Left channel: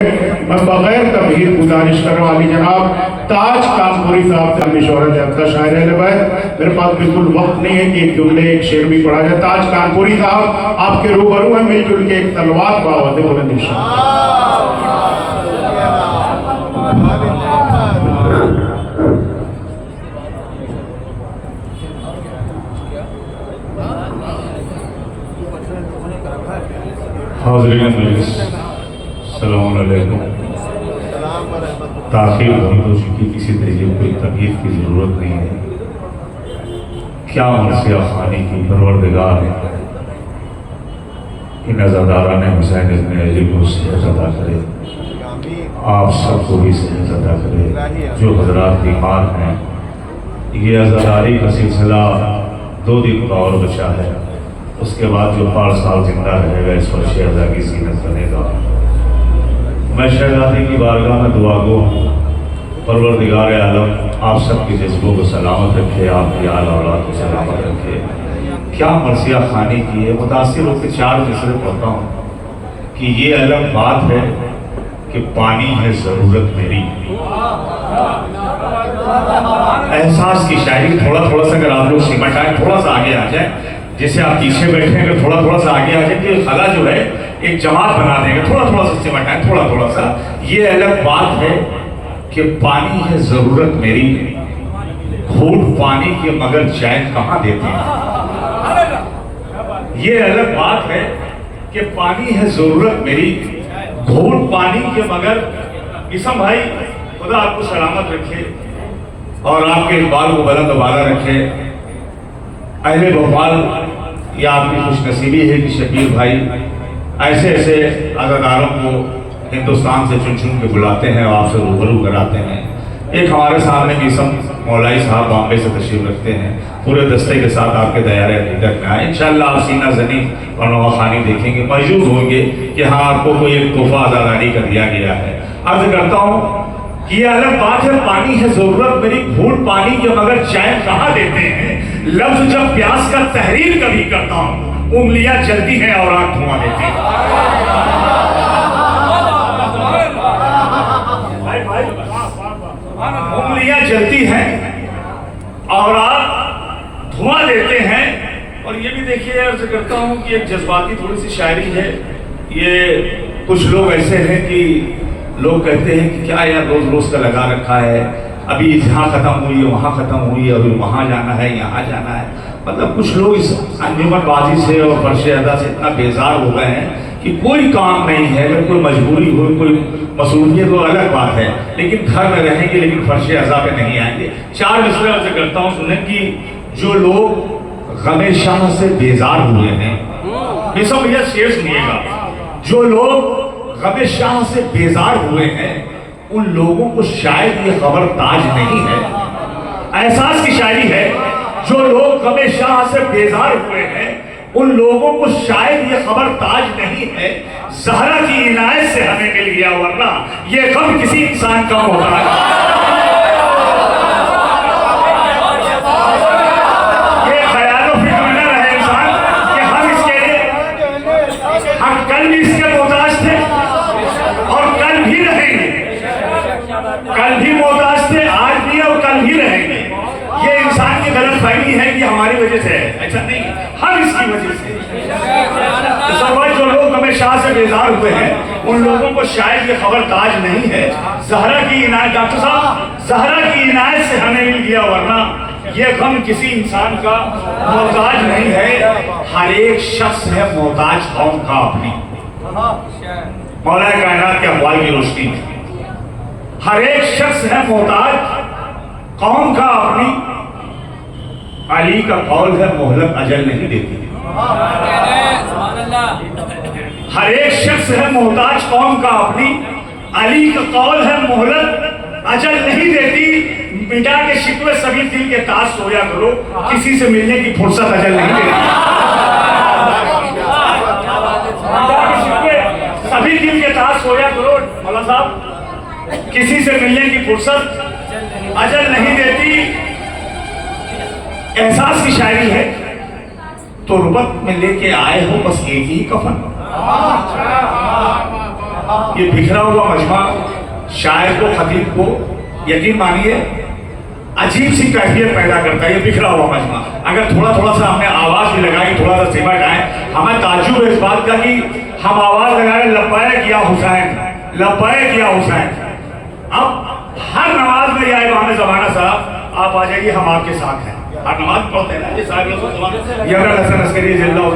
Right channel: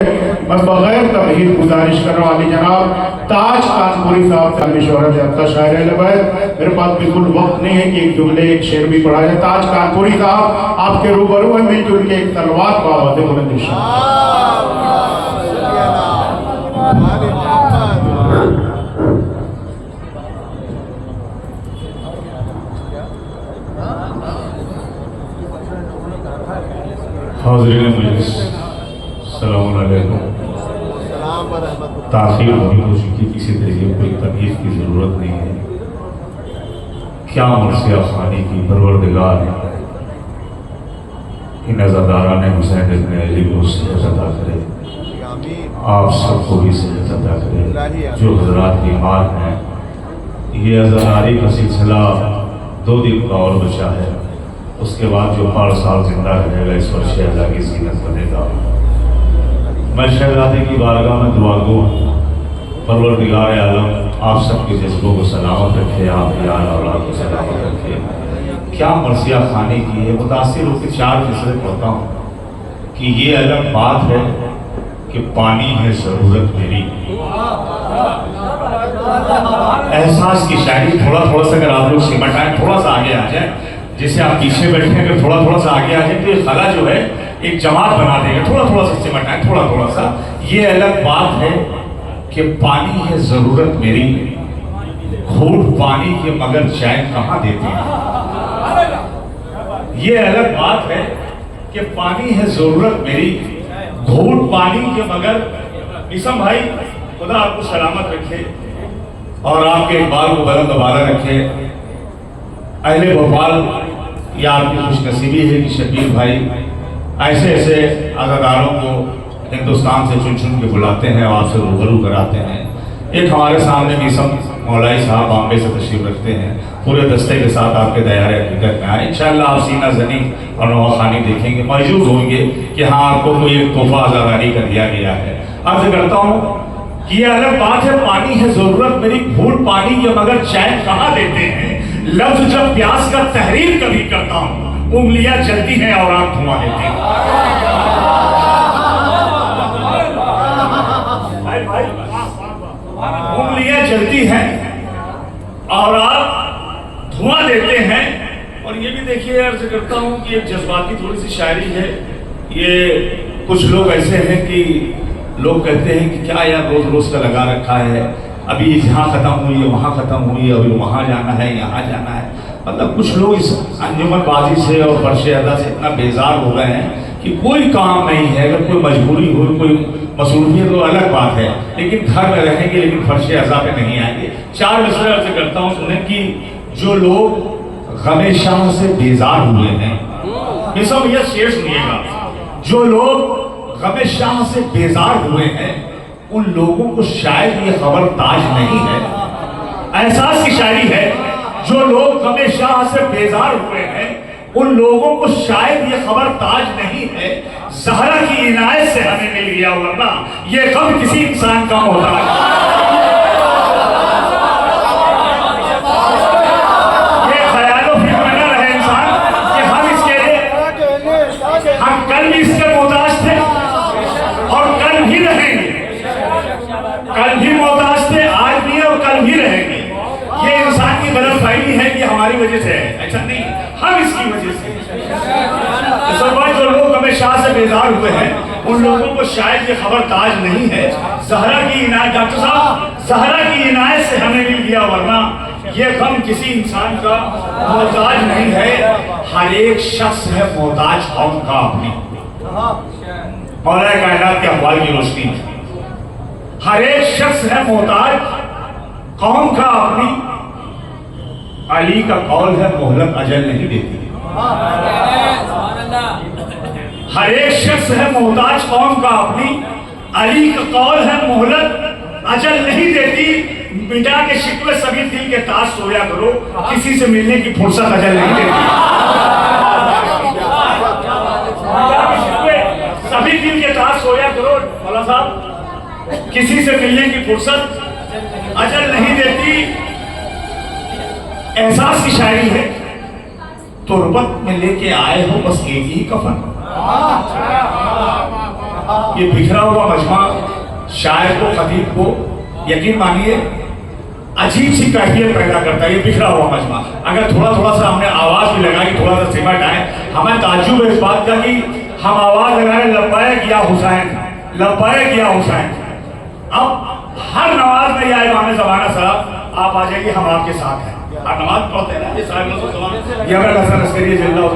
मैं बगैर तमहीद गुजारिश कर रहा हूँ अली जनाब ताज कानपुरी साहब से शोहरत याद का शायर मेरे पास बिल्कुल वक्त नहीं है कि एक जुमले एक शेर भी पढ़ा जाए। ताज कानपुरी साहब आपके रूबरू है, मिलजुल के एक तलवार को आवाज़ बुलंद इंशाअल्लाह। ताखिर बहुत हो चुकी, किसी तरीके कोई तबीयत की ज़रूरत नहीं है। क्या मर्सिया खानी की परवरदिगार इन अज़ादारा ने हुसैन इब्न अली को सेहत अता करे, आप सबको भी सेहत अता करे। जो हज़रात बीमार हैं, ये अज़ादारी का सिलसिला 2 दिन का और बचा है, उसके बाद जो 5 साल जिंदा रहेगा इस पर शहज़ादी की ज़ीनत बनेगा। मैं शहज़ादी की बारगाह में दुआ गो, परवरदिगार आलम आप सबके जज्बों को सलामत रखे, आपकी आल औलाद को सलामत रखे। क्या मर्सिया खाने की है, मुतासिर होकर 4 मिसरे पढ़ता हूँ कि ये अलग बात है कि पानी है ज़रूरत मेरी। एहसास की शायरी थोड़ा थोड़ा सा अगर आप लोग सिमट आए, थोड़ा सा आगे आ जाए, जैसे आप पीछे बैठे हैं, अगर थोड़ा थोड़ा सा आगे आ जाए तो खला जो है एक जमात बना देगा। थोड़ा थोड़ा सा सिमट आए, थोड़ा थोड़ा सा। ये अलग बात है कि पानी है ज़रूरत मेरी, घूंट पानी के मगर चाय कहाँ देते हैं। ये अलग बात है कि पानी है ज़रूरत मेरी, घूंट पानी के मगर। इसम भाई खुदा आपको सलामत रखे और आपके इकबाल को बुलंद बाला रखे। अहले भोपाल या आपकी खुशनसीबी है कि शकील भाई ऐसे ऐसे अदादारों को हिंदुस्तान से चुन चुन के बुलाते हैं और आपसे रूबरू कराते हैं। एक हमारे सामने भी सब मौलाई साहब बॉम्बे से तशरीफ रखते हैं, पूरे दस्ते के साथ आपके दयारे हकीकत में आए। इंशाअल्लाह आप सीना जनी और नवाखानी देखेंगे, मौजूद होंगे कि हाँ आपको कोई एक तोहफा आज़ादारी का दिया गया है। अर्ज करता हूँ कि ये अलग बात है, पानी है ज़रूरत मेरी, घूंट पानी के मगर चाय कहाँ देते हैं। लफ्ज़ जब प्यास का तहरीर कभी करता हूँ, उंगलियां जलती हैं और आंख धुआं देती हैं। भाई उंगलियां जलती हैं और आप धुआं देते हैं। और ये भी देखिए, अर्ज करता हूं कि एक जज्बाती थोड़ी सी शायरी है। ये कुछ लोग ऐसे हैं कि लोग कहते हैं कि क्या यार रोज रोज का लगा रखा है, अभी यहाँ खत्म हुई है, वहाँ खत्म हुई है, अभी वहाँ जाना है, यहाँ जाना है। मतलब कुछ लोग इस अंजुमनबाजी से और फर्श अदा से इतना बेजार हो गए हैं कि कोई काम नहीं है। अगर कोई मजबूरी हो, कोई मसरूफियत तो अलग बात है, लेकिन घर में रहेंगे लेकिन फर्श अदा पे नहीं आएंगे। 4 मिसरे अर्ज करता हूँ सुने कि जो लोग गमे शाह से बेजार हुए हैं, ये सब भैया शेर सुनिएगा, जो लोग गमे शाह से बेजार हुए हैं उन लोगों को शायद ये खबर ताज नहीं है। एहसास की शायरी है, जो लोग गमे शाह से बेजार हुए हैं उन लोगों को शायद ये खबर ताज नहीं है। ज़हरा की इनायत से हमें मिल गया, वरना ये गम किसी इंसान का होता है। ये ख्याल फिक्र में न रहे इंसान कि हम इसके लिए, हम कल भी इसके मोहताज थे और कल भी रहेंगे, कल भी मोहताज थे, आज भी और कल भी रहेंगे। ये इंसान की गलत फहमी है कि हमारी वजह से है, ऐसा नहीं, हम इसकी वजह से। जो लोग गमे शाह से बेजार हुए हैं उन लोगों को शायद ये खबर ताज नहीं है। ज़हरा की इनायत, डॉक्टर साहब, ज़हरा की इनायत से हमें मिल गया, वरना ये गम किसी इंसान का मोहताज नहीं है। हर एक शख्स है मोहताज कौम का अपनी। मौलाए कायनात के अक़वाल की रोशनी में हर एक शख्स है मोहताज कौम का अपनी। अली का कौल है मोहलत अजल नहीं देती। हर एक शख्स है मोहताज कौम का अपनी, अली का कौल है मोहलत अजल नहीं देती। मिटा के शिकवे सभी दिल के ताज सोया करो, किसी से मिलने की फुर्सत अजल नहीं देती। मिटा के शिकवे सभी दिल के ताज सोया करो, मौला साहब, किसी से मिलने की फुर्सत अजल नहीं देती। एहसास की शायरी है, तुरबत में लेके आए हो बस एक ही कफन, ये बिखरा हुआ मजमा शायर को, खतीब को यकीन मानिए अजीब सी कैफियत पैदा करता है। ये बिखरा हुआ मजमा अगर थोड़ा थोड़ा सा हमने आवाज भी लगाई, थोड़ा सा सिमट आए, हमें ताज्जुब है इस बात का कि हम आवाज लगाए लब्बैक या हुसैन, लब्बैक या हुसैन। अब हर नमाज में या इमाम ज़माना साहब आप आ जाइए, हम आपके साथ हैं। आप नमाज पढ़ते हैं ना, ये साहब लोग या हसन अस्करी जिल्ला,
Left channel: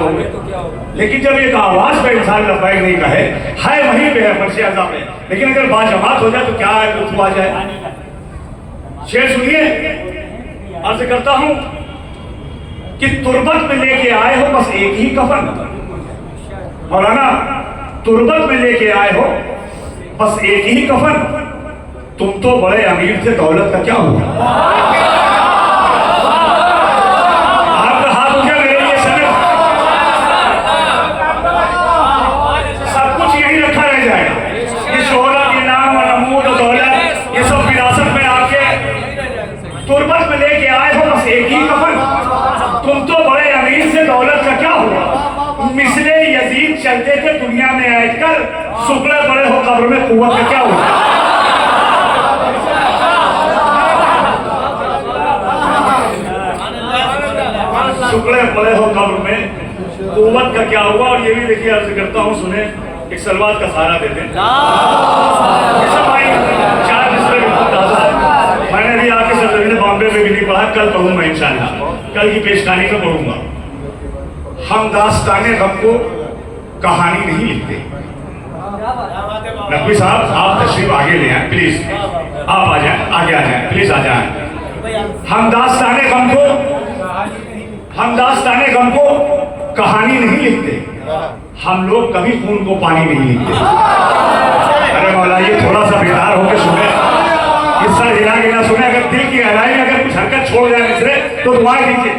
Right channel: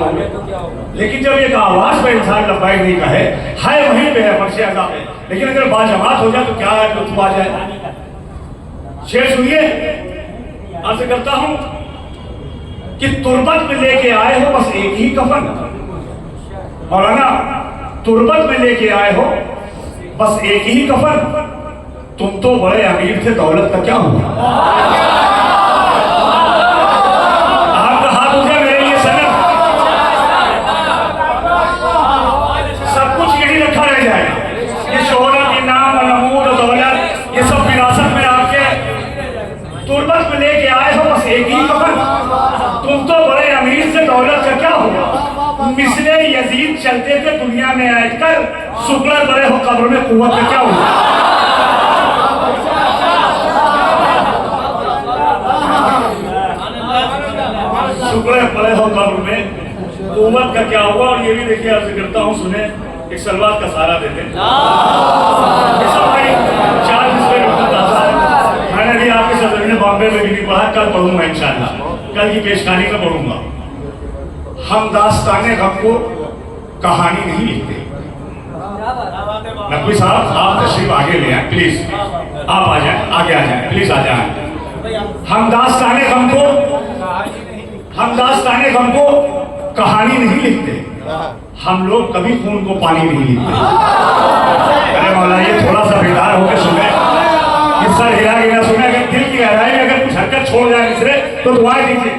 लेकिन जब एक आवाज पे इंसान लब्बैक नहीं कहे, है वहीं पे है फर्श अज़ा पे, लेकिन अगर बाजमात हो जाए तो क्या है, लुत्फ आ जाए। शेर सुनिए, अर्ज करता हूं कि तुर्बत में लेके आए हो बस एक ही कफन, मौलाना तुर्बत में लेके आए हो बस एक ही कफन, तुम तो बड़े अमीर थे, दौलत का क्या हुआ? आपका हाथ उठा मेरे लिए सनद, सब कुछ यही रखा रह जाएगा। ये शोहरत, इनाम, नमूद, दौलत, ये सब विरासत में आपके तुर्बत में लेके आए हो बस एक ही कफन, तुम तो बड़े अमीर से, दौलत का क्या हुआ? मिसले यजीद चलते थे दुनिया में आकर, शुक्र बड़े हो कब्र में, कुव्वत का क्या हुआ? शुक्र बड़े हो कब्र में, कुव्वत का क्या हुआ? और ये भी देखिए, अर्ज करता हूँ सुने, एक सलवात का सहारा दे दें। 4 मिसरे बिल्कुल ताजा, मैंने भी आपके सरजमीन बॉम्बे में भी नहीं पढ़ा, कल पढ़ूंगा इंशाअल्लाह, कल की पेशकारी में पढ़ूंगा। हम दास्ताने गम को कहानी नहीं लिखते। नकवी साहब आप तशरीफ आगे ले आए प्लीज, आप आ जाए, आगे आ जाए प्लीज, आ जाए। हम दास्ताने गम को कहानी नहीं लिखते, हम लोग कभी खून को पानी नहीं लिखते। अरे मौला ये थोड़ा सा बेदार होकर सुने, इस सर हिला गिरा सुने, अगर दिल की गहराई में अगर कुछ हरकत छोड़ जाए मिसरे तो दुआ कीजिए।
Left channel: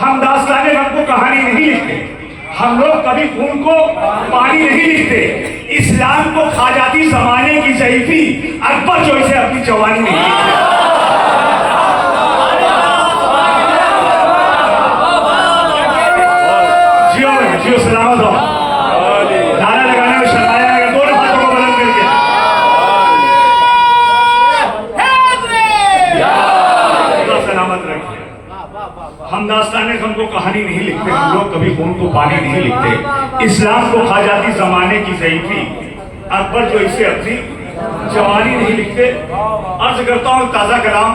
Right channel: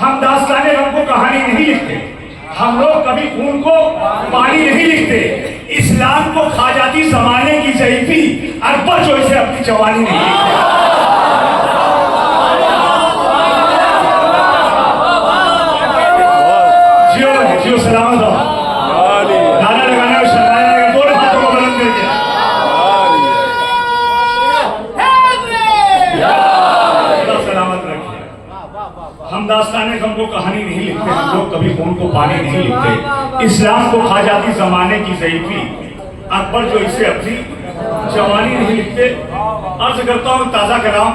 हम दास्ताने गम को कहानी नहीं लिखते, हम लोग कभी खून को पानी नहीं लिखते। इस्लाम को खा जाती जमाने की ज़ईफ़ी, अकबर जो इसे अपनी जवानी नहीं लिखते। जियो सलामत हो, नारा लगाने में शर्माया अगर दोनों हाथों को बुलंद करके सलामत रखिए। हम दास्ताने गम को कहानी नहीं लिखते, हम लोग कभी खून को पानी नहीं लिखते। इस्लाम को खा जाती जमाने की ज़ईफ़ी, अकबर जो इसे अपनी जवानी नहीं लिखते। अर्ज करता हूँ ताज़ा कलाम,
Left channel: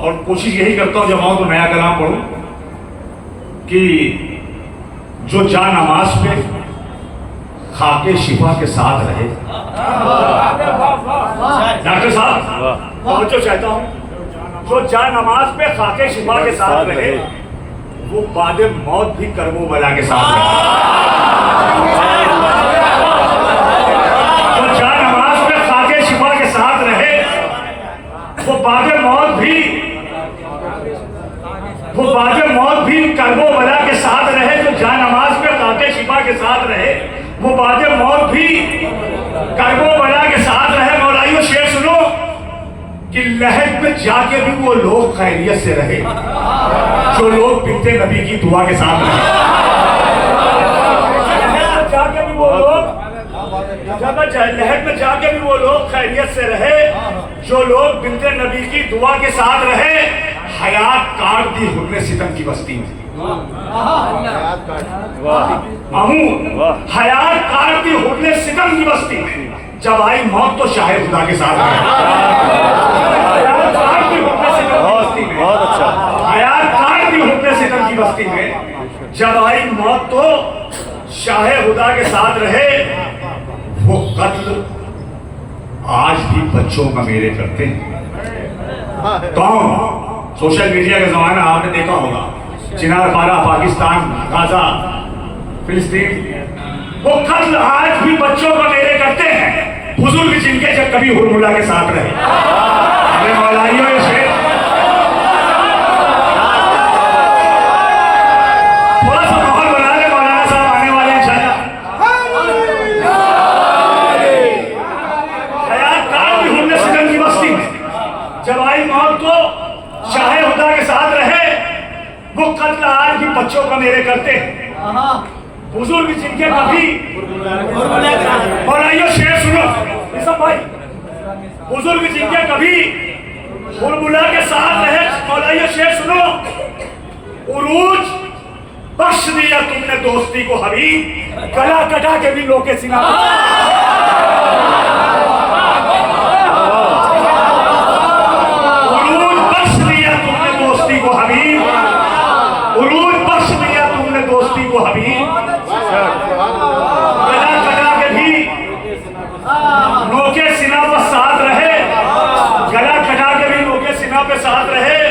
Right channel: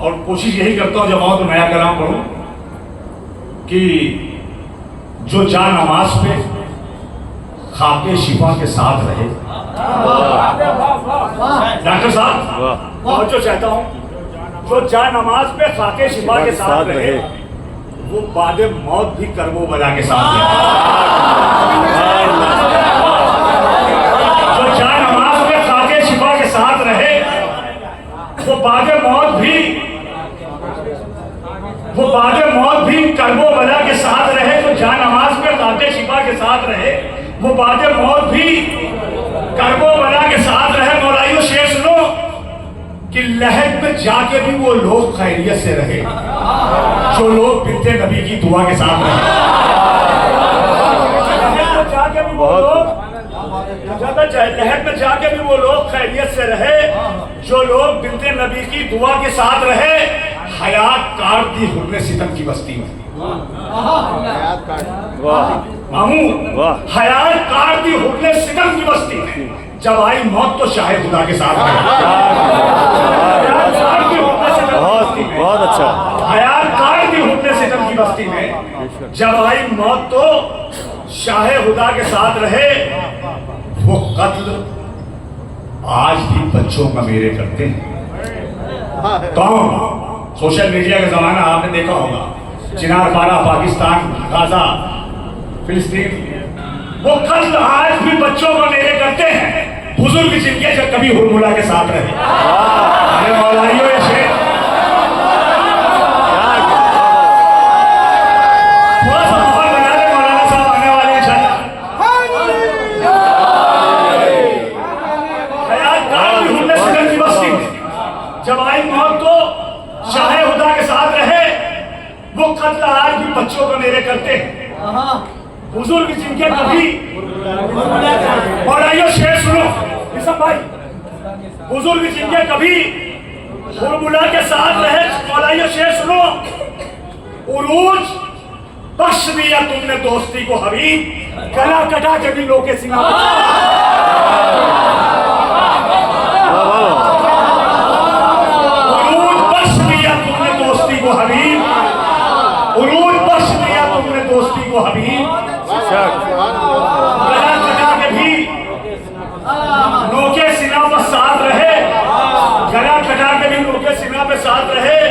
और कोशिश यही करता हूँ जब आऊँ तो नया कलाम पढ़ूँ, कि जो जा नमाज पे खाके शिफा के साथ रहे। डॉक्टर साहब बहुत चाहता हूँ, जो जा नमाज पे खाके शिफा के साथ रहे, वो बाद मौत भी करबो बला के साथ रहे। जो जा नमाज पे खाके शिफा के साथ रहे, वो बाद मौत भी करबो बला के साथ रहे। जो जा नमाज पे खाके शिफा के साथ रहे, वो बाद मौत भी करबो बला के साथ रहे। मौलाइयों शेर सुनो कि लहद में जाके भी वो लोग खैरियत से रहे, जो लोग बिनते नबी की दुआ के साथ रहे। लहद में जाके भी वो लोग खैरियत से रहे, जो लोग बिनते नबी की दुआ के साथ रहे। हयात काट दी हुर्रे सितम की बस्ती में, मामू हयात काट दी हुर्रे सितम की बस्ती में, जब आई मौत तो शाहिद खुदा के साथ रहे। हयात काट दी हुर्रे सितम की बस्ती में, हयात काट दी हुर्रे सितम की बस्ती में, जब आई मौत तो शाहिद खुदा के साथ रहे। वो कत्ल आज भी बच्चों का मेरे करते हैं। कौन? सोशल मीडिया का जमाना आपने देखा होगा, चिनार पारा, पाकिस्तान, गाजा, फिलिस्तीन, वो कत्ल आज भी बच्चों का मेरे करते हैं, बुजुर्ग जिनके जब कभी हुरमुला के साथ रहे। अरे मौलाइयों ये शेर थोड़ा सा माहौल बना ले, मौलाना साहब आने वाले इंशाल्लाह। हयात काट भी हुर्रे सितम की बस्ती में, जब आई मौत तो शाहे खुदा के साथ रहे। वो कत्ल आज भी बच्चों का मेरे करते हैं, बुजुर्ग जिनके कभी मौलाइयो शेर सुनो सब भाई, बुजुर्ग जिनके कभी हुरमुला के साथ रहे, मौलाइयो शेर सुनो। उरूज बख्श दिया तुमने दोस्ती को हबीब, गला कटा के भी लोके सिना उरूज बख्श दिया तुमने दोस्ती को हबीब, उरूज बख्श दिया तुमने दोस्ती को हबीब, गला कटा के भी लोके सिना पर साथ रहे, गला कटा के भी लोके सिना पे साथ रहे।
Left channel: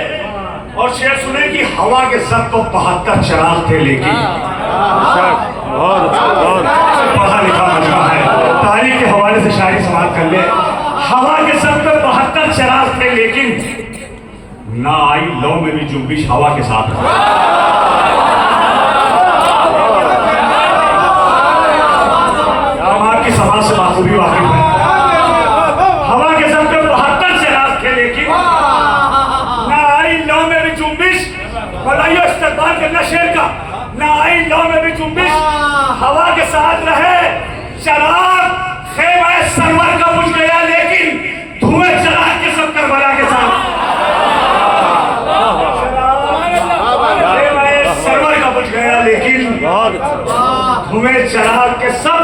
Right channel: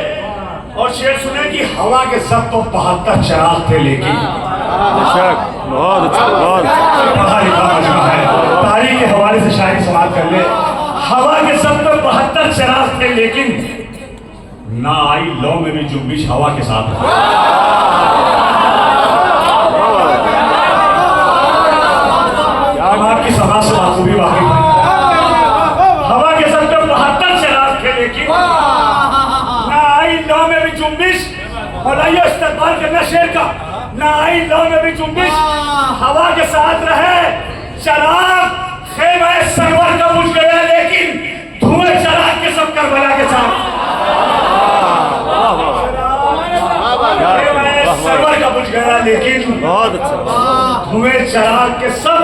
और शेर सुने कि हवा के सब तो 72 चिराग थे, लेकिन पढ़ा लिखा मजमा है, तारीख के हवाले से शायरी समाप्त कर ले। हवा के सब तो 72 चिराग थे, लेकिन ना आई लौ में भी जुम्बिश हवा के साथ है। हम आपकी समाज से बाखूबी वाकिफ है। हवा के सब तो 72 चिराग थे, लेकिन ना आई लौ में भी जुम्बिश, मौलाइयो इस्तेमाल करना शेर का, ना आई लौ में भी जुम्बिश हवा के साथ रहे। शराब खेमा सरवर का बुझ गया, लेकिन धुएं चराग के सब करबला के साथ। खेमा सरवर का बुझ गया, लेकिन धुएं चराग के सब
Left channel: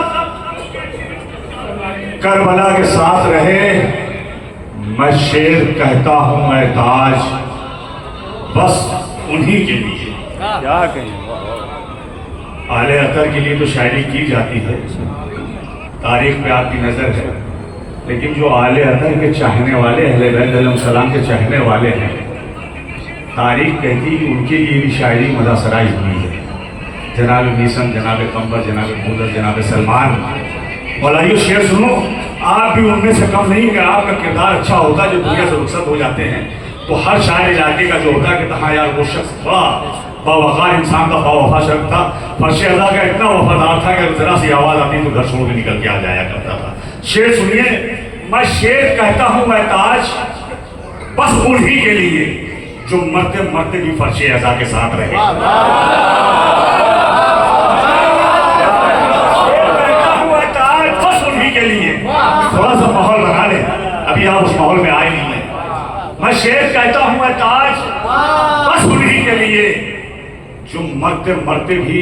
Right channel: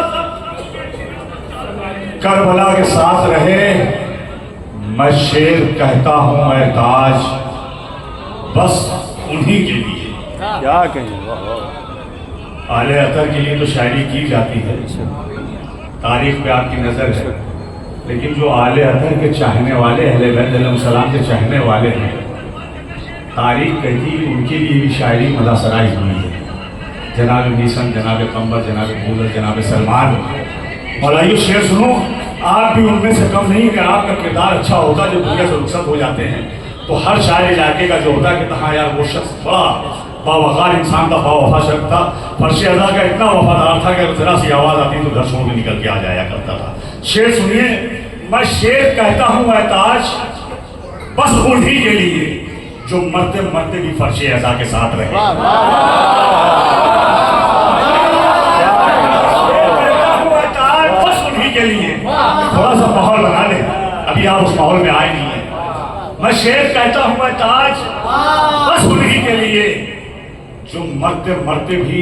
करबला के साथ रहे। मैं शेर कहता हूं मैं ताज, बस उन्हीं के लिए। क्या कहें, आले अतर के लिए तो शायरी की जाती है, तारीख पे आपकी नजर है, लेकिन जो आले अतर के चाहने वाले, अहले बैत अलैहिस्सलाम के चाहने वाले हैं, तारीख कहती है उनके लिए भी शायरी मुदासराई हुई है। जनाब मीसम, जनाब कंबर, जनाब मूलर, जनाब सलमान। मौलाइयो शेर सुनो, आप भी उनमें से कम नहीं कि आपका किरदार अच्छा होता जो दुनिया से रुखसत हो जाते हैं, तो हर शायर इलाके का जो होता है कि हाँ यार वो शख्स बड़ा बावकार इंसान था, बावफा शख्स था, फर्श अदा का इतना वफादार था कि जरा सी आवाज़ आती तो दर्शकों में निकल के आ जाया करता था। शेर सुनिए, मैं शेर कहता हूँ मैं ताज, बस उन्हीं के लिए जो मरते मरते भी फर्श अदा के साथ रहे। के लिए थोड़ा सा माहौल बना ले, अभी आप उस माहौल में आए नहीं है। मैं शेर कहता हूं मैं ताज, बस उन्हीं के लिए जो मरते मरते भी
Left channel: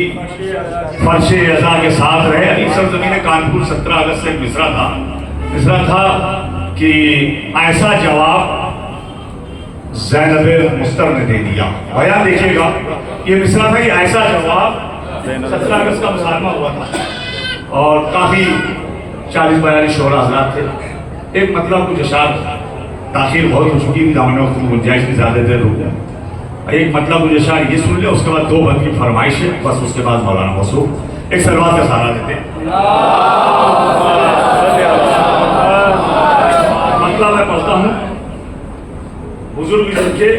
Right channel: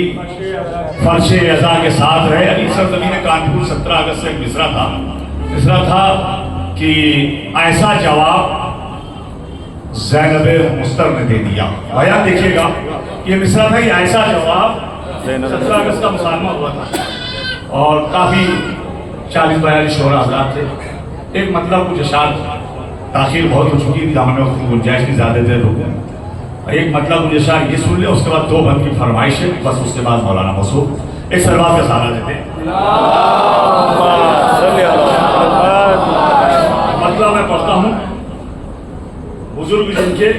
फर्शे अज़ा के साथ रहे। अली सरजमीन कानपुर 17 अगस्त से एक मिसरा था कि ऐसा जवाब ज़ैनब मुस्तर ने दे दिया। भैया देखिएगा, ये मिसरा था कि ऐसा जवाब 17 अगस्त का मुसालमा हुआ था और काफी 40-42 शोरा हज़रात थे। एक मतलब कुछ अशार ताखिर बहुत हो चुकी थी, हमने उसकी गुंजाइश की ज़्यादा देर रुक गया। एक मतलब कुछ अशार ये सुन ले, उसके बाद 2 बंद की फरमाइश है, बस उसके बाद मौलाना मसूद एक सलवात का सहारा देते। मतलब मैं पढ़ता हूँ, बुजुर्ग जिनके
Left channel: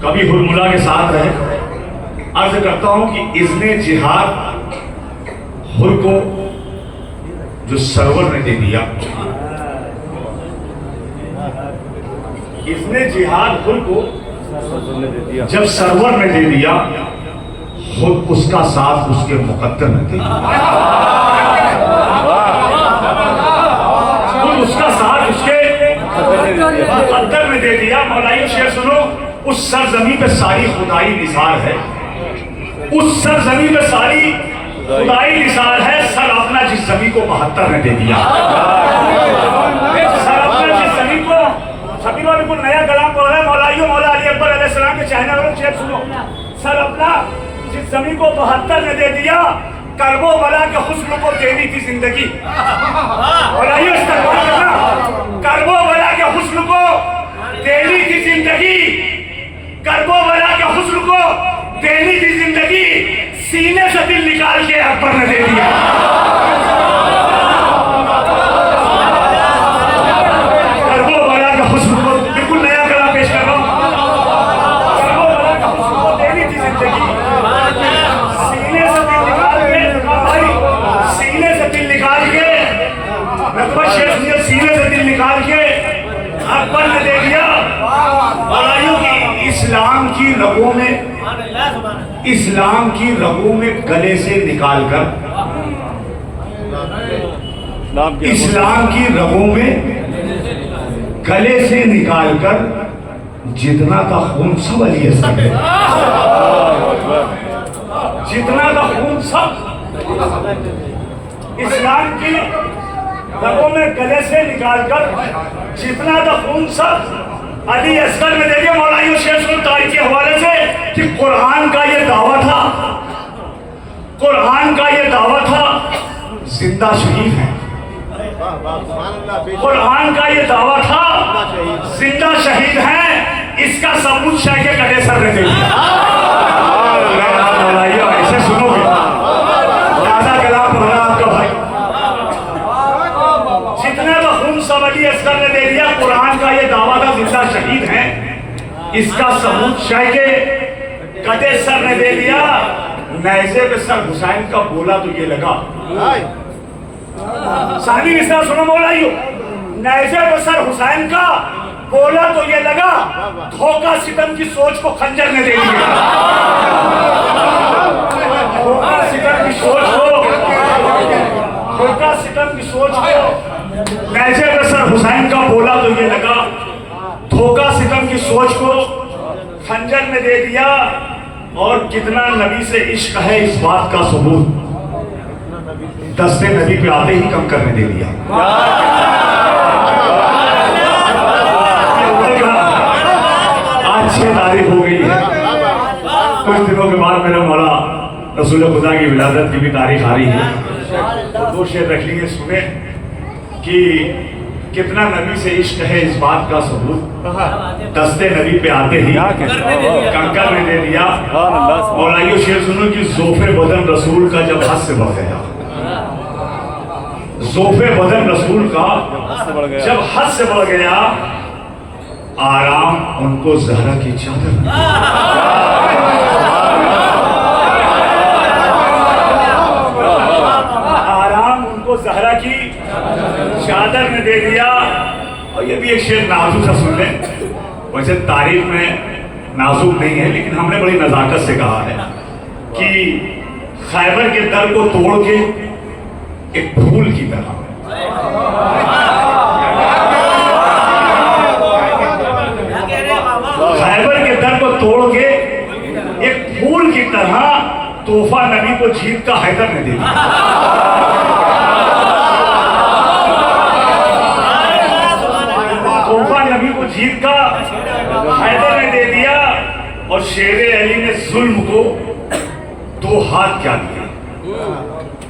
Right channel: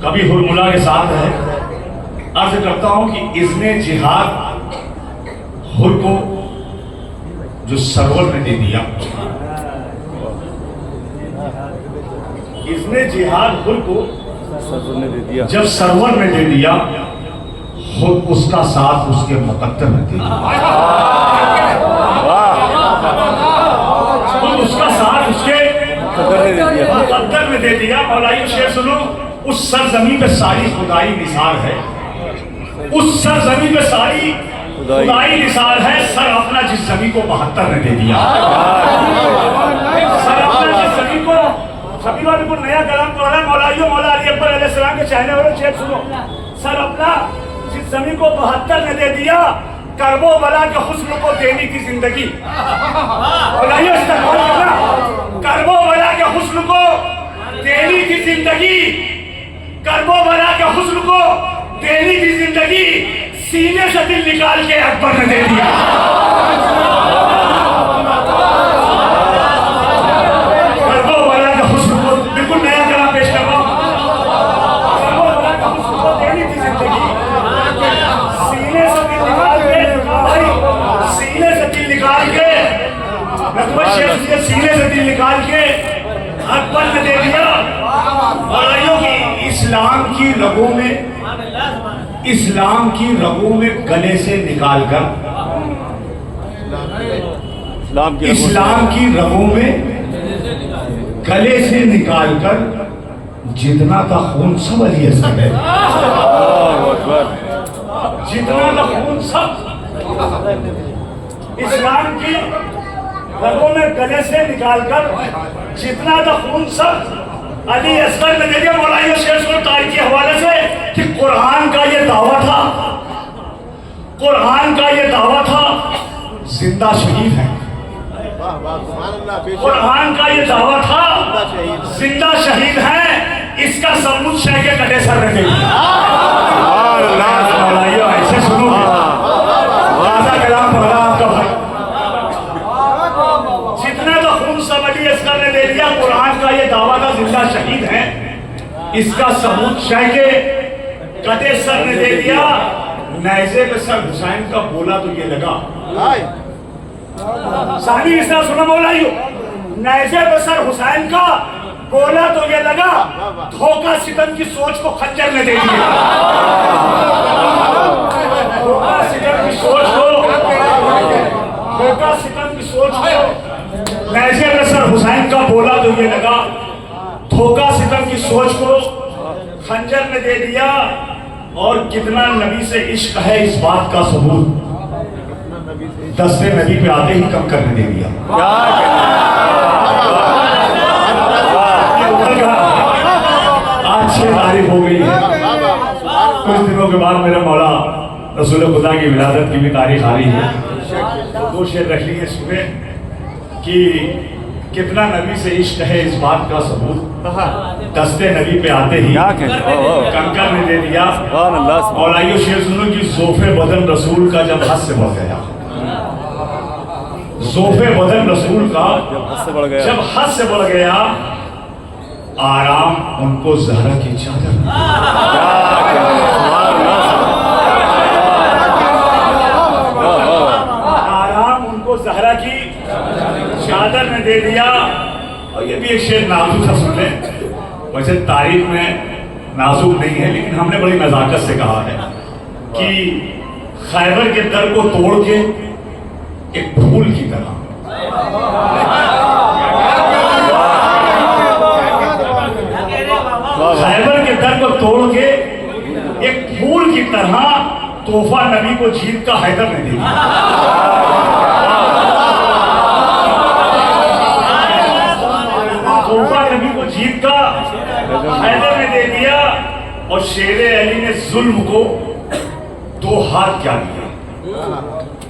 कभी हुरमुला के साथ रहे, अर्ज करता हूँ कि इज़्ने जिहाद हुर को जो सरवर ने दे दिया, इज़्ने जिहाद हुर को जब सरवर ने दे दिया, खुद उसका साथ उसके मुकद्दर ने दे दिया। खुद उसका साथ उसके मुकद्दर ने दे दिया। मौलाइयो शेर सुनो, उस सरजमी पे सारी खुदाई निसार है, उस सरजमी पे सारी खुदाई निसार है। सर अपना जिस जमी को 72 ने दे दिया, सर अपना जिस जमी को, सभी लोग बिल्कुल नया कलाम बोल रहा है। मौलाइयो मौला अली अकबर अलैहिस्सलाम के चाहने वालों शेर सुनो, सर अपना जिस जमी को 72 ने दे दिया, करबो बला के हुस्न को देनी थी जिंदगी। मौलाइयो इस्तेमाल करना, करबो बला के हुस्न को देनी थी जिंदगी, करबो बला के हुस्न को देनी थी जिंदगी, सीने से दिल निकाल के अकबर ने दे दिया। करबो बला के हुस्न को, बिल्कुल नया कलाम पेश कर रहा हूं, करबो बला के हुस्न को देनी थी जिंदगी, सीने से दिल निकाल के, भाई सीने से दिल निकाल के, मैं तुम्हें शेर सीने से दिल निकाल के अकबर ने दे दिया। इस्लाम की रगों में, इस्लाम की रगों में गले से निकालकर इस्लाम की रगों में गले से निकालकर जितना का खून सब अली असगर है, जितना का खून सब इस्लाम की रगों में गले से निकालकर जितना का खून सब अली असगर में दे दिया। मौलाना शेख तारीख के हवाले से कि कुरान का ये दावा था, कुरान का ये दावा था जिंदा शहीद है, कुरान का ये दावा था जिंदा शहीद है, इसका सबूत शाह के कटे सर ने दिया। ऐसे सुनोगे दादा कलाम पढ़ा आपका भाई, जितना का खून सब अली असगर ने दे दिया, कुरान का ये दावा था जिंदा शहीद है, इसका सबूत शाह के कटे सर ने दे दिया। नैज़े पे सर हुसैन का बोला तो ये लगा, सानी विस्तार सुनो मौलाइयो, नैज़े पे सर हुसैन का बोला तो ये लगा, धोखा सितम की सोच को खंजर ने दे दिया। धोखा सितम की सोच को, धोखा सितम की सोच को नैज़े पे सर हुसैन का बोला तो ये लगा, धोखा सितम की सोच को खंजर ने दे दिया। और कितना नबी से इश्क है इस बात का सबूत दस्ते नबी पे आते ही कम करने दे दिया। आज 6 तारीख हो गई है, कुछ दिनों के बाद मेरा मौला रसूल खुदा की विलादत की भी तारीख आ रही है। तो 2 शेर रख लिए सुने कि कितना नबी से इश्क है इस बात का सबूत दस्ते नबी पे आते ही कंकर ने दे दिया। मौलाइयो शेर सुनो कि ज़ोफ़े बदन रसूल का जब हद से बढ़ गया, ज़ोफ़े बदन रसूल का जब हद से बढ़ गया, आराम उनको ज़हरा की चादर, आराम उनको ज़हरा की चादर ने दे दिया। और ये भी एक शेर नाजुक सा सुन लें, वैसे तारीफ में नाजुक नहीं है लेकिन हमने बड़ी नजाकत से कहा है कि खैबर के दर को तोड़ के एक फूल की तरह, खैबर के दर को तोड़ के एक फूल की तरह तोहफा नबी को जीत का हैदर ने दे दिया। तोहफा नबी को जीत का हैदर ने दे दिया। और शेरे अली ने जुल्म को 2 हाथ क्या दिया।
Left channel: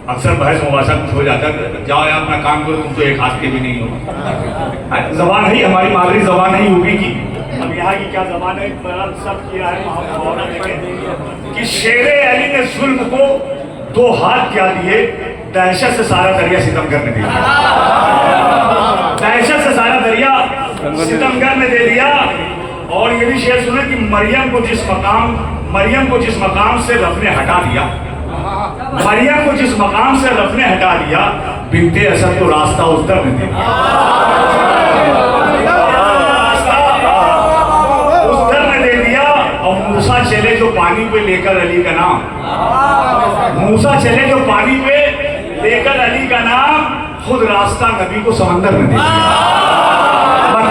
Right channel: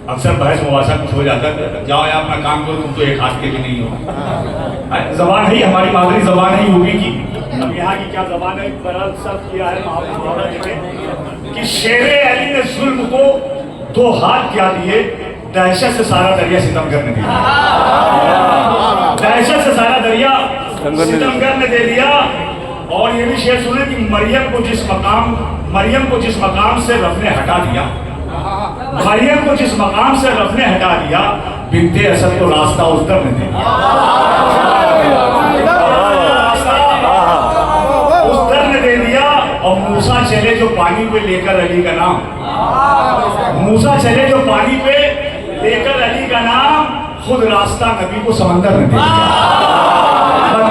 अक्सर बहस मुबाशत हो जाता है, जाओ यार अपना काम करो, तुम तो 1 हाथ के भी नहीं हो। जबान है हमारी मादरी जबान है यूपी की, अब यहाँ की क्या जबान है बड़ा सब किया है मुहावरा देखें कि शेरे अली ने जुल्म को 2 हाथ क्या दिए, दहशत से सारा दरिया सितमगर ने दिया, दहशत से सारा दरिया सितमगर ने दे दिया। और ये भी शेर सुने कि मरियम को जिस मकाम से रब ने हटा दिया, मरियम को जिस मकाम से रब ने हटा दिया, बिन्ते असद को रास्ता उस दर में दे दिया, उस दर में दे दिया। और मूसा चले जो पानी पे लेकर अली का नाम, मूसा चले जो पानी पे लेकर अली का नाम, खुद रास्ता नबी को समंदर में दे दिया।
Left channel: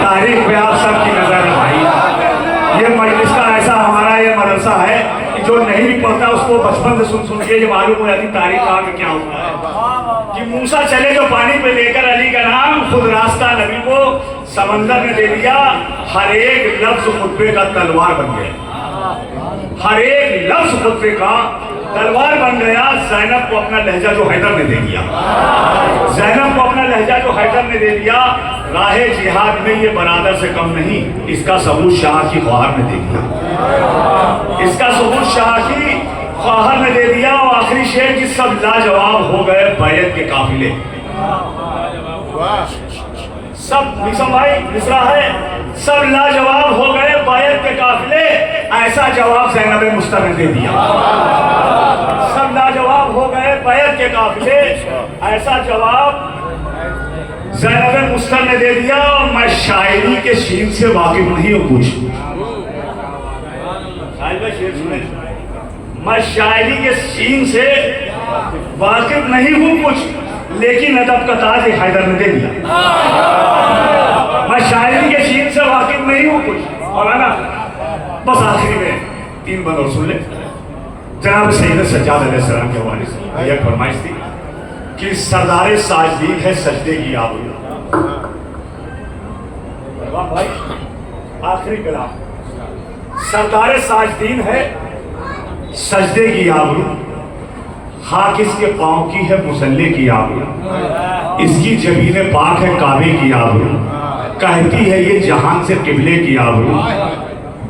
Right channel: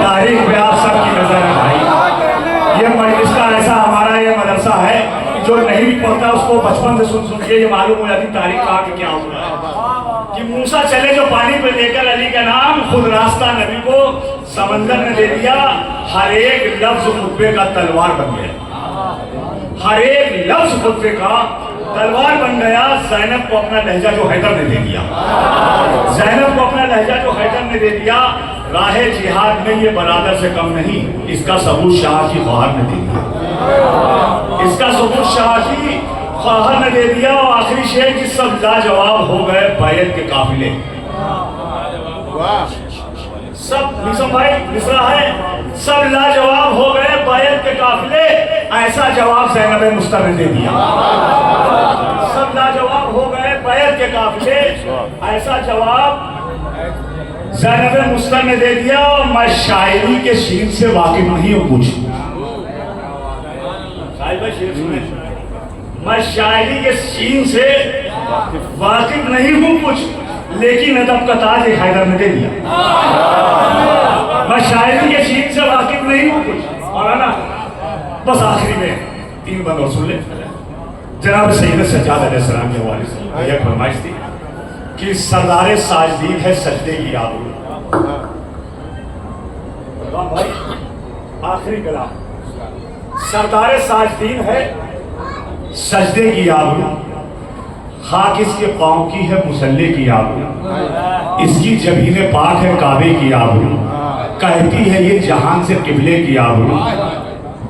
तारीख पे आप सबकी नजर है भाई, ये मजलिस का ऐसा हमारा ये मदरसा है कि जो नहीं भी पढ़ता उसको बचपन से सुन के ये मालूम हो जाती तारीख कहाँ में क्या हुआ है कि मूसा चले जो पानी पे लेकर अली का नाम, खुद रास्ता नबी को समंदर में दे दिया। हर एक लफ्ज खुतबे का तलवार बन गया, हर एक लफ्ज खुतबे का तलवार बन गया। ज़ैनब को अपना लहजा जो हैदर ने दे दिया, ज़ैनब को अपना लहजा जो हैदर ने दे दिया। राहे जिहाद में ये बरादर से कम नहीं, इसका सबूत शाह की ख्वाहर ने दे दिया, इसका सबूत शाह की ख्वाहर ने दे दिया। और आखिरी शेर की सब लाजवाब हो गए बैत के काफिले, सब निसम भाई मिसरा है, सब लाजवाब हो गए बैत के काफिले, ऐसा जवाब ज़ैनब मुस्तर ने दे दिया। सब लाजवाब हो गए बैत के काफिले, ऐसा जवाब ज़ैनब मुस्तर ने दे दिया। मैं शायरी के शीन से वाकिफ नहीं हूँ कुछ, शेर सुने, मैं शायरी के शीन से वाकिफ नहीं हूँ कुछ, लेकिन अदब का ताज एक हैदर ने दे दिया। मैं शायरी के शीन से वाकिफ नहीं हूँ कुछ, और है ना, बस आखिरी में 3 बंद और सुन ले। जनाब सैयद सज्जाद अलैहिस्सलाम के हवाले से यह फरमाइश थी कि सरदार साजदीन है सजदे की आबरू। भाई आखिरी कलाम, सरदार साजदीन है सजदे की आबरू, खाक इसके पांव की है मुसल्ले की आबरू, इसकी जबीने पाक है काबे की आबरू, कहती है ये जहान से किबले की आबरू,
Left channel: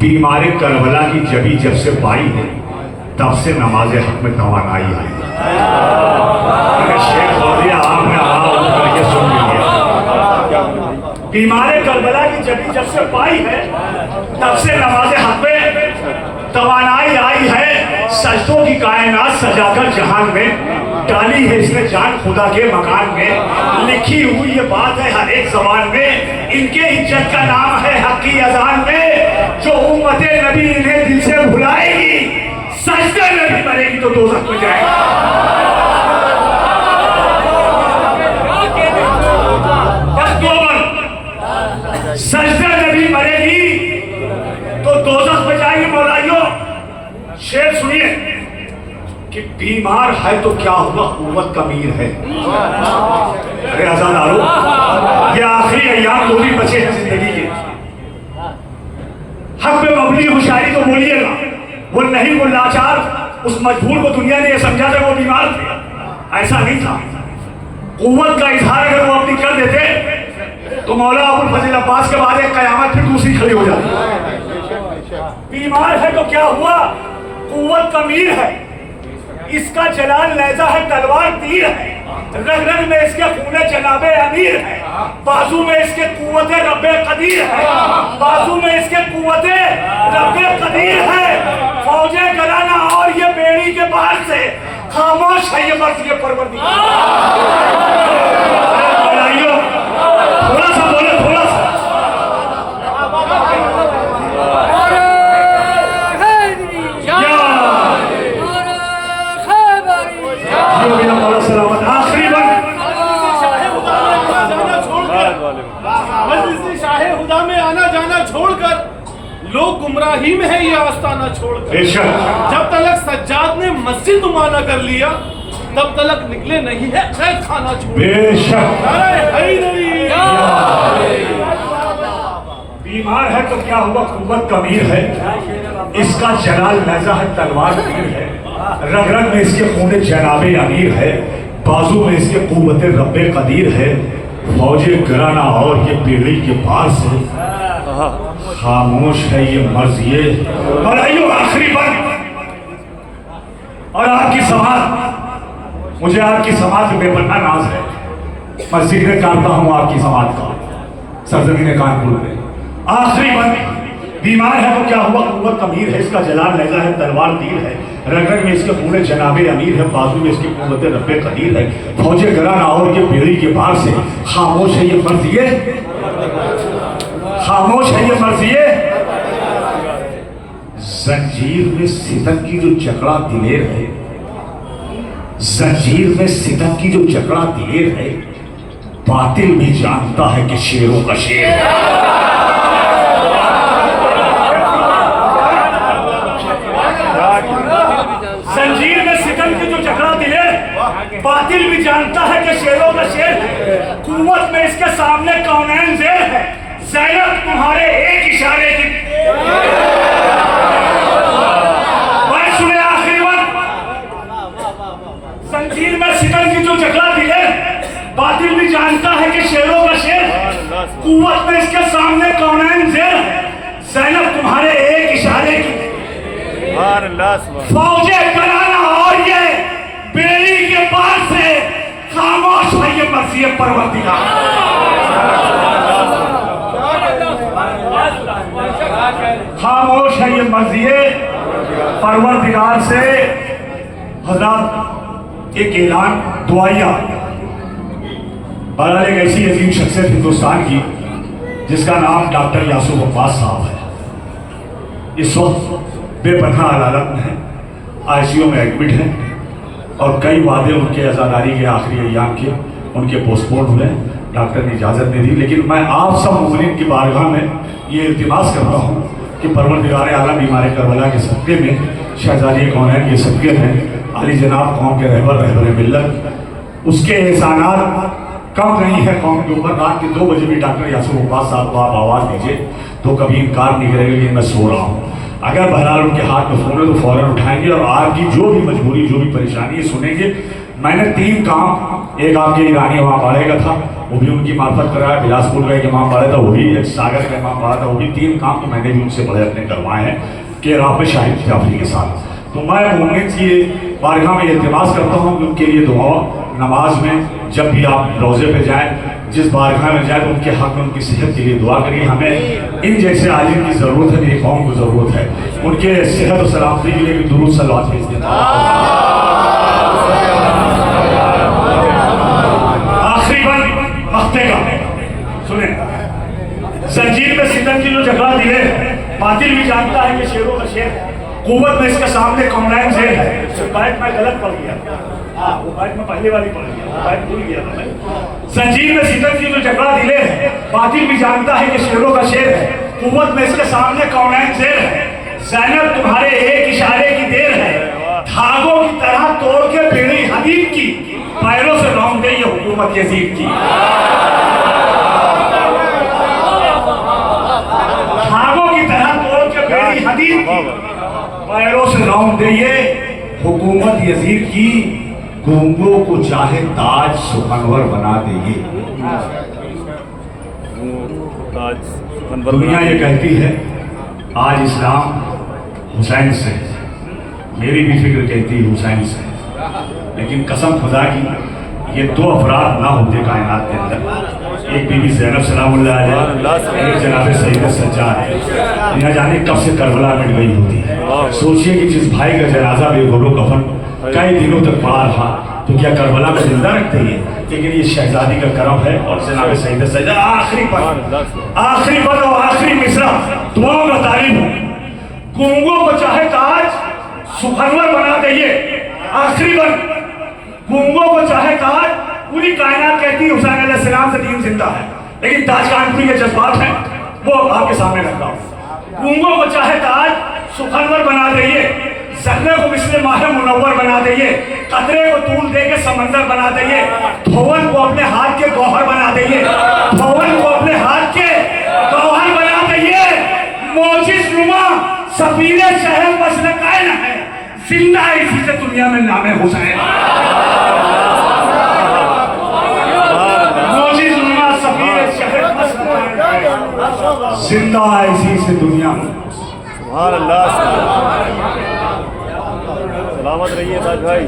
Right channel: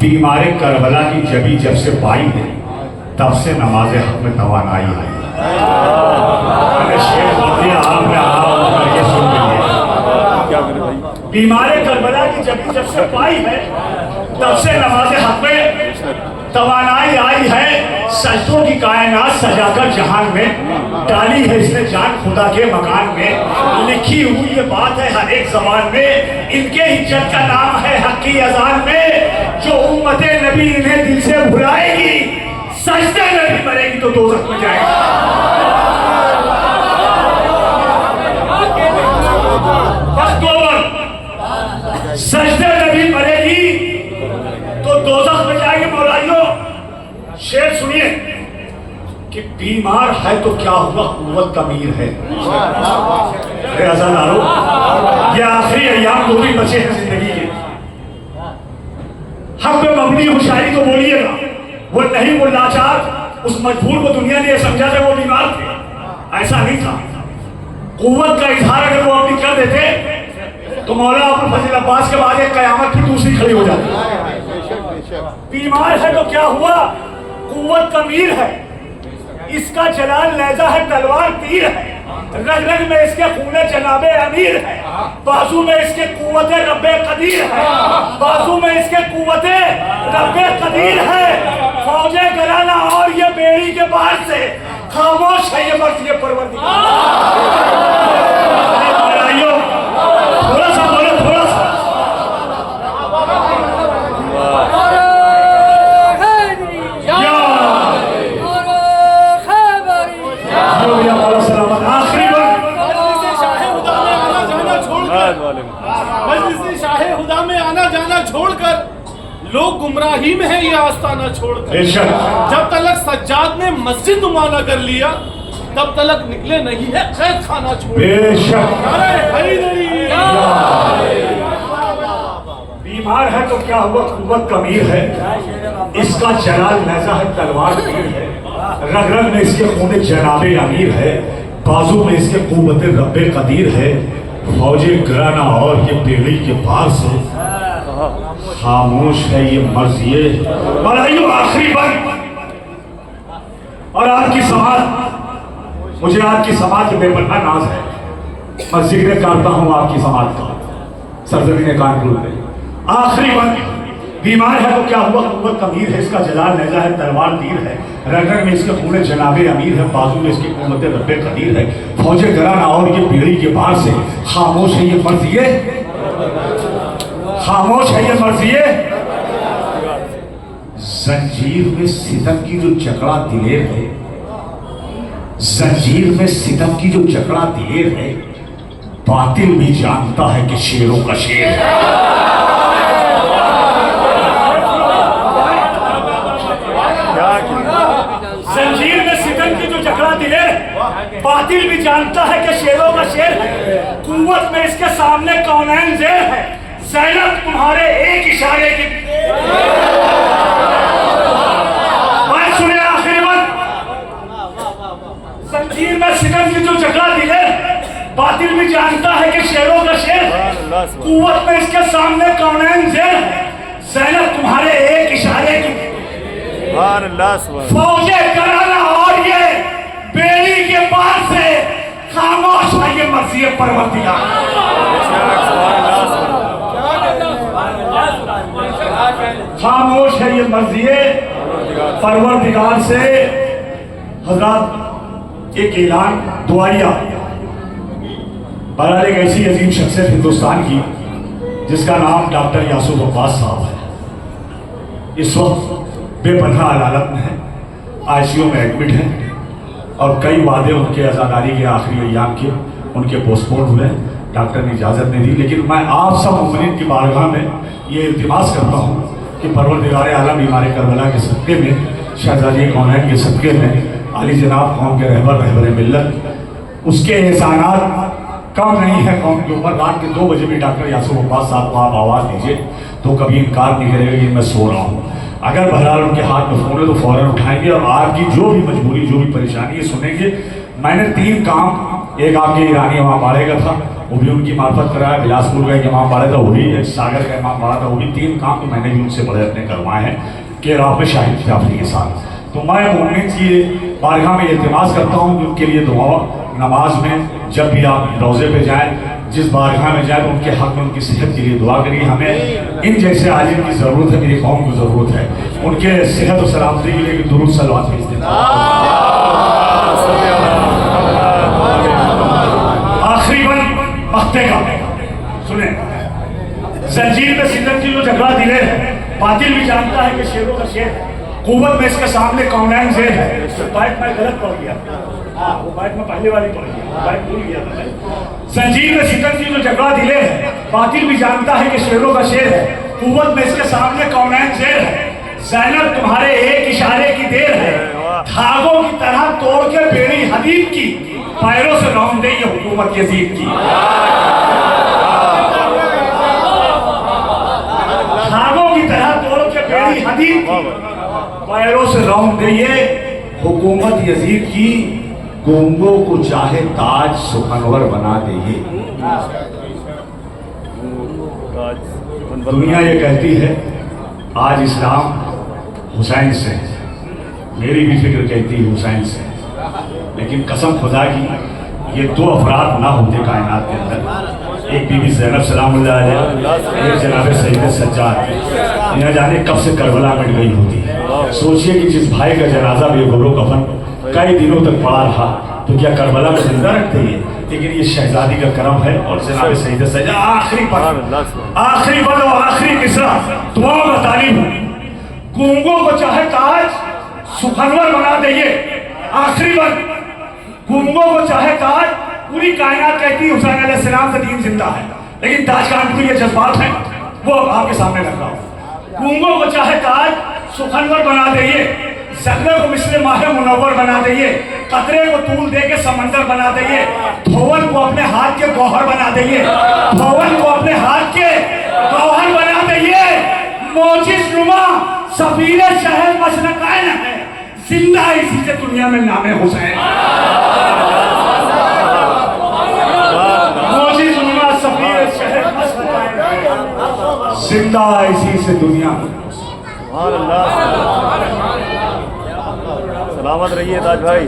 बीमारे करबला की जबी जब से पाई है तब से नमाज हक में तवानाई आई। शेख आपने आराम करके सुन लिया। बीमारे करबला की जबी जब से पाई है तब से नमाज हक में तवानाई आई है। सजदों की कायनात सजाकर जहान में डाली है इसने जान खुदा के मकान में। लिखी हुई ये बात है हर एक जबान में, इनके इज्जत का नाम है हक की अजान में। जो उम्मते नबी इन्हें दिल से भुलाएगी, सजदे में भी मरेगी तो दोज़ख में जाएगी। बस 2 बार सजदे में भी मरेगी तो दोज़ख में जाएगी। मौलाइयों शेर सुनिए कि बीमार है तो क्या हुआ, कुव्वत का अमीर है। अरे आजादारो, ये आखिरी अय्याम 2 दिन बचे हैं जिंदगी के। हक में मबनी हुशारी तो बोलिएगा, वो नहीं, वो लाचार उस मजबूर को दुनिया ने यह समझा था वो बीमार थे, ऐसा नहीं था। कुव्वत का इजहार अगर वो अपनी कर देते तो मौला अबुल फजल अब्बास के बाद एक कयामत फिर दूसरी खड़ी हो जाती। बीमार है तो क्या हुआ, कुव्वत का अमीर है, इसका जलाल लहजा है तलवार तीर है, रग रग में इसके खूने जनाबे अमीर है, बाजू में इसके कुव्वते रब्बे कदीर है, बाजू में इसके कुव्वते रब्बे कदीर है। फौजे गराना और ये बेड़ी के बाहर से खामोश है ये मर्द ये परवरदिगार। थोड़ा सा बोले, थोड़ा सा। लोग गुमराही में है ये आस्ताना छोड़कर। जब तलक सज्जाद ने मस्जिद माना कर लिया तब तलक निकले नहीं है कैद खाना छोड़। बीमार है तो क्या हुआ, कुव्वत का अमीर है, इसका जलाल लहजा है तलवार तीर है, रग रग में इसके खूने जनाबे अमीर है, बाजू में इसके कुव्वते रब्बे कदीर है। फौजे गराना और ये बेड़ी के पार से खामोश है ये मर्जिए। मलाइयों आखिरी बात, और आपकी समाज, मुझे आपकी समाज में बेपन्ना नाज है। मैं जिक्र करता हूँ आपकी समाज का सरजमीन कानपुर में। आखिरी बात, बीमार है तो क्या हुआ, कुव्वत अमीर है, इसका जलाल लहजा है तलवार तीर है, रग रग में इसके खूने जनाबे अमीर है, बाजू में इसके कुव्वते रब्बे कदीर है। फौजे गराना और ये बेड़ी के पार से खामोश है ये मर्जिए, खामोश है ये मर्जिए। जंजीर में सितम की जो जकड़ा दिलेर है, जंजीर में सितम की जो जकड़ा दिलेर है, बातिल भी जानता है कि शेरों का शेर है। जंजीर में सितम की जो जकड़ा दिलेर, बातिल भी जानता है कि शेरों का शेर है। कुव्वत में इसके सामने कौनैन जेर है, ज़ैनब तुम्हारे एक इशारे की। बात सुने आखिरी बात, जंजीर में सितम की जो जकड़ा दिले, बातिल भी जानता है कि शेरों का शेर है। कुव्वत में इसके सामने कौनैन जेर है, ज़ैनब तुम्हारे एक इशारे की। फौजे कराना और ये बेड़ी के पार से खामोश है ये मर्ज़ी परवरदिगार। खामोश है ये मर्ज़ी परवरदिगार से। हज़रात एक ऐलान दुआया, बहरहाल एक ऐसी अजीम शख्सियत हिंदुस्तान की जिसका नाम डॉक्टर यासूफ अब्बास साहब है। इस वक्त बेपनाह हालत में है, आईसीयू में एडमिट है और कई वादे उनके अज़ादारी के आखिरी अय्याम के उनके पोस्टपोन हुए, डॉक्टर ने इजाज़त नहीं दी। लेकिन मैं आप सब मुस्लिम की बारगाह में ये इल्तिमास करता हूँ कि परवरदिगार आलम हमारे करबला के सदक़े में, शहज़ादी कौनैन के सदक़े में, अली जनाब कौम के रहबर मिल्लत, उसके एहसानात कम नहीं है कौम के ऊपर। रात के 2 बजे भी डॉक्टर यासूर अब्बास साहब को आप आवाज़ दीजिए तो कभी इनकार नहीं करेगा कि मैं सो रहा हूँ। अगर बहरहाल उनके हाथ में फ़ोन है तो फ़ौरन उठाएंगे और आपकी जो भी मजबूरी, जो भी परेशानी है सुनेंगे। मैंने 3 काम, एक आपके ईरानी इमाम बाड़े का था, वो भी उनकी मार्फत कराया, बिलासपुर का एक इमाम बाड़े था, वो भी एक सागर का इमाम बाड़ा था, वो भी 3 काम तो मैंने भी उनसे बड़े अपने करवाए हैं कि रात में शाहिद जाफरी के साथ। तो मैं मोमिन की बारगाह में इल्तिमास करता हूँ कि उनके लिए दुआ, नमाज में जब भी आप रोज़े पे जाएं, जिस बारगाह में जाएं तो उनके हक़ में उनकी सेहत के लिए दुआ करिए। हमें इन जैसे आलिम की ज़रूरत है, मेरी कौम को ज़रूरत है, उनके सेहत और सलामती के लिए दुरूद सलावत भेज देता हूं। आखिरी बंद हफ्ते का सुने, जंजीर में सिंदन की जो झगड़ा दिले, बातिल भी जानता है कि शेरों का शेर है, कुव्वत में इसके सामने कौनैन शेर है। बाइक मैं गलत पढ़ गया, हाँ वो बाइक में पहले वाली पढ़ गया, बाइक भूल गया था मैं। जंजीर में सिंदन की जो झगड़ा दिले है, बातिल भी जानता है कि शेरों का शेर है, कुव्वत में इसके सामने कौनैन शेर है। ज़ैनब तुम्हारे एक इशारे की देर है, धागों की तरह तोड़ के बेड़ी हदीद की, पैरों से रौंद दे ये हुकूमत यजीद की। धागों की तरह तोड़ के बेड़ी हदीद की, पैरों से रौंद दे ये हुकूमत यजीद की। गूंगों को चाहे ताज सुखनवर बना देंगे। दुनिया ये कहती है आज इस्लाम हुसैन से, मेरी भी फिक्र कहती है हुसैन से, लेकिन कसम खुदा की ये 2 अफराद ना होते कायनात के अंदर, एक बीबी ज़ैनब सलामुल्लाह अलैहा, एक जनाब सैयद सज्जाद। न जाने कब से करबला मिट गई होती। सोचिए कि जिस भाई का जनाजा बेगोलो कफन कई दिनों तक पड़ा रहा, तो क्या करबला को जिंदा रखते हैं? लेकिन ये शहजादी का करम है और जनाब सैयद सज्जाद। आखिरी पद और आखिरी मिसरा दुआ में तालीम है। गूंगों को चाहे ताज सुखनवर बना दइए। आखिरी पद, गूंगों को चाहे ताज, पूरी कायनात कहती है हुसैन अलैहिस्सलाम से दीन जिंदा है, लेकिन ताज कानपुरी के जज्बात हैं वो आपके सामने रख रहा हूं। गूंगों को चाहे ताज सुखनवर बना दइए, ज़र्रे को मिस्र माह मुनव्वर बना दइए, कतरे को तूल दे के समंदर बना दइए, धोवन को अपने हाथ के गौहर बना दइए, धोवन को अपने हाथ के गौहर बना दइए। मोजिज़ नुमा सफीरे शहर मशरक़ैन है, जिंदा है इसी से दुनिया में नामे हुसैन। मोजिज़ नुमा सफीरे शहर मशरक़ैन है, जिंदा है इसी से दुनिया में। सलामत रहिए ताज भाई।